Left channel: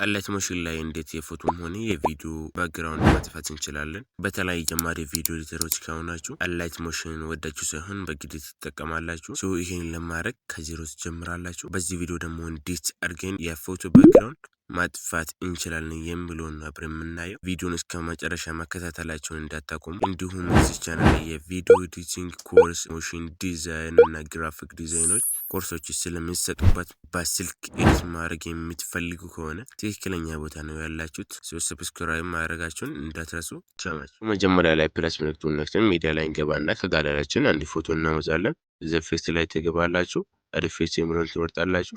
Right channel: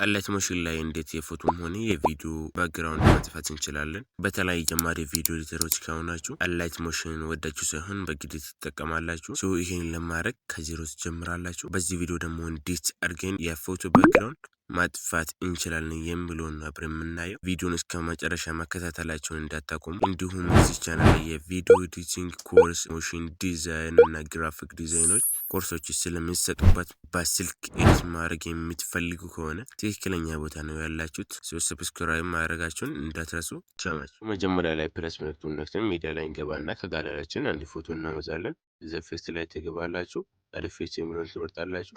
አላይት ሞሽን ላይ እንዴት የፎቶም ሆነ የቪዲዮ ባክግራውንድ ማጥፋት እንችላለን? በተለይ ጀማሪ ቪዲዮ ኤዲተሮች ከሆናችሁ አላይት ሞሽን ወዳችሁ ሳይሆን በግድ ትጠቀማላችሁ። ይሄን ለማድረግ ከዜሮ ትጀምራላችሁ። በዚህ ቪዲዮ ደግሞ እንዴት አድርገን የፎቶ ባክግራውንድ ማጥፋት እንችላለን የሚለውን አብረን የምናየው። ቪዲዮን እስከ መጨረሻ መከታተላችሁን እንዳታቆሙ። እንዲሁም እዚህ ቻናል የቪዲዮ ኤዲቲንግ ኮርስ፣ ሞሽን ዲዛይን እና ግራፊክ ዲዛይኖች ኮርሶች ስለሚሰጡበት በስልክ ኤዲት ማድረግ የምትፈልጉ ከሆነ ትክክለኛ ቦታ ነው ያላችሁት። ሰብስክራይብ ማድረጋችሁን እንዳትረሱ። ቻናችሁ መጀመሪያ ላይ ፕለስ ምልክቱን ነክተን ሚዲያ ላይ እንገባና ከጋለሪያችን አንድ ፎቶ እናወጣለን። ዘፌስ ላይ ትገባላችሁ። አድፌስ የሚለውን ትመርጣላችሁ።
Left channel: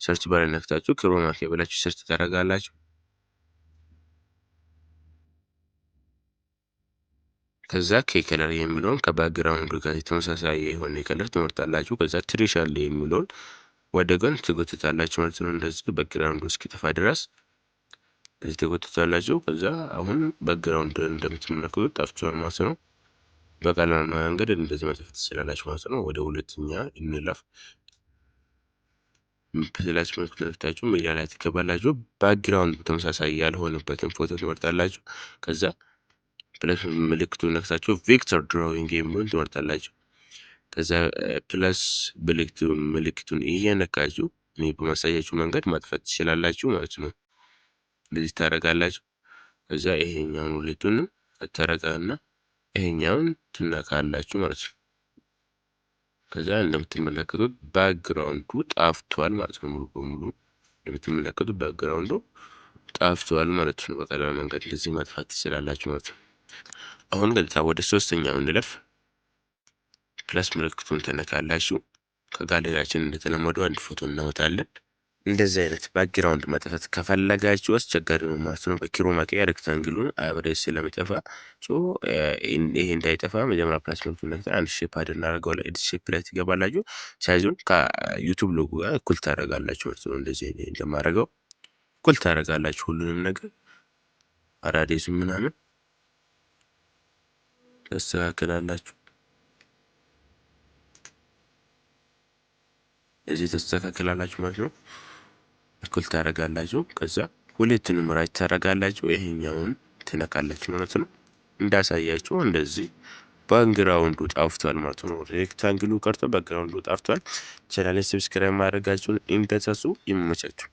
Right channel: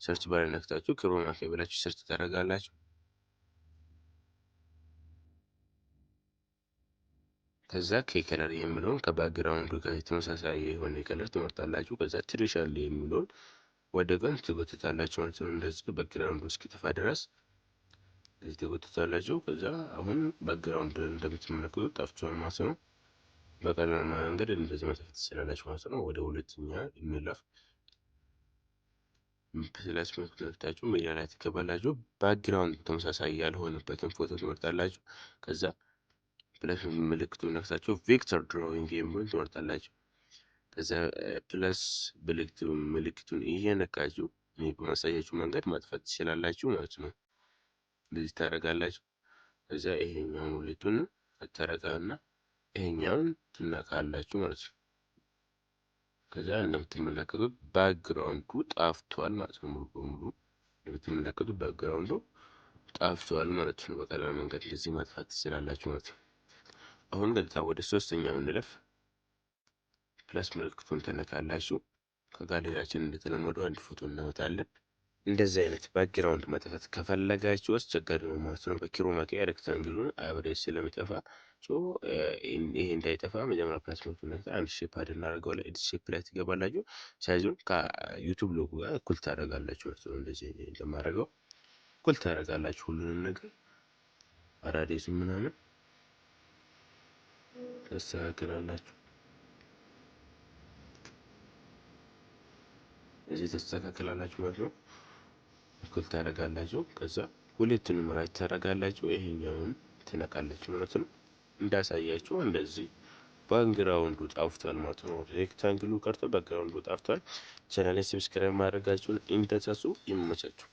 ሰርች ባር ነክታችሁ ክሮማ ኬ ብላችሁ ሰርች ታደርጋላችሁ። ከዛ ከከለር የሚለውን ከባክግራውንድ ጋር ተመሳሳይ የሆነ ከለር ትመርጣላችሁ። ከዛ ትሬሻል የሚለውን ወደ ጎን ትጎትታላችሁ ማለት ነው። እንደዚህ ባክግራውንዱ እስኪጠፋ ድረስ እዚህ ትጎትታላችሁ። ከዛ አሁን ባክግራውንድ እንደምትመለከቱት ጠፍቷል ማለት ነው። በቀላል መንገድ እንደዚህ ማጥፋት ትችላላችሁ ማለት ነው። ወደ ሁለተኛ እንለፍ። ፕለስ ምልክቱን ሚዲያ ላይ ትገባላችሁ። ባክግራውንድ ተመሳሳይ ያልሆነበትን ፎቶ ትመርጣላችሁ። ከዛ ፕለስ ምልክቱን ነክታችሁ ቬክተር ድራዊንግ የሚለውን ትመርጣላችሁ። ከዛ ፕለስ ምልክቱን እየነካችሁ እኔ በማሳያችሁ መንገድ ማጥፋት ትችላላችሁ ማለት ነው። እንደዚህ ታደርጋላችሁ። ከዛ ይሄኛውን ሁለቱን ታረጋና ይሄኛውን ትነካላችሁ ማለት ነው። ከዛ እንደምትመለከቱት ባክግራውንዱ ጠፍቷል ማለት ነው። ሙሉ በሙሉ እንደምትመለከቱት ባክግራውንዱ ጠፍቷል ማለት ነው። በቀላል መንገድ እንደዚህ ማጥፋት ትችላላችሁ ማለት ነው። አሁን ቀጥታ ወደ ሶስተኛው እንለፍ። ፕለስ ምልክቱን ተነካላችሁ። ከጋለሪያችን እንደተለመደው አንድ ፎቶ እናወጣለን። እንደዚህ አይነት ባክግራውንድ ማጥፋት ከፈለጋችሁ አስቸጋሪ ነው ማለት ነው። በክሮማ ኬ ሬክታንግሉን አብሬት ስለሚጠፋ ይሄ እንዳይጠፋ መጀመሪያ ፕለስ ምልክቱን ነክተን አንድ ሼፕ አድርገው ላይ ኤዲት ሼፕ ላይ ትገባላችሁ። ሳይዙን ከዩቲዩብ ሎጎ ጋር እኩል ታደርጋላችሁ ማለት ነው። እንደዚህ እንደማደርገው እኩል ታደርጋላችሁ ሁሉንም ነገር አራዴስ ምናምን ተስተካክላላችሁ። እዚህ ተስተካክላላችሁ ማለት ነው። እኩል ታደርጋላችሁ። ከዛ ሁለቱንም ራይት ታደርጋላችሁ። ይሄኛውን ትነካላችሁ ማለት ነው። እንዳሳያችሁ እንደዚህ ባክግራውንዱ ጠፍቷል ማለት ነው። ሬክታንግሉ ቀርቶ ባክግራውንዱ ጠፍቷል። ቻናሌን ሰብስክራይብ ማድረጋችሁን እንዳትረሱ። ይመቻችሁ።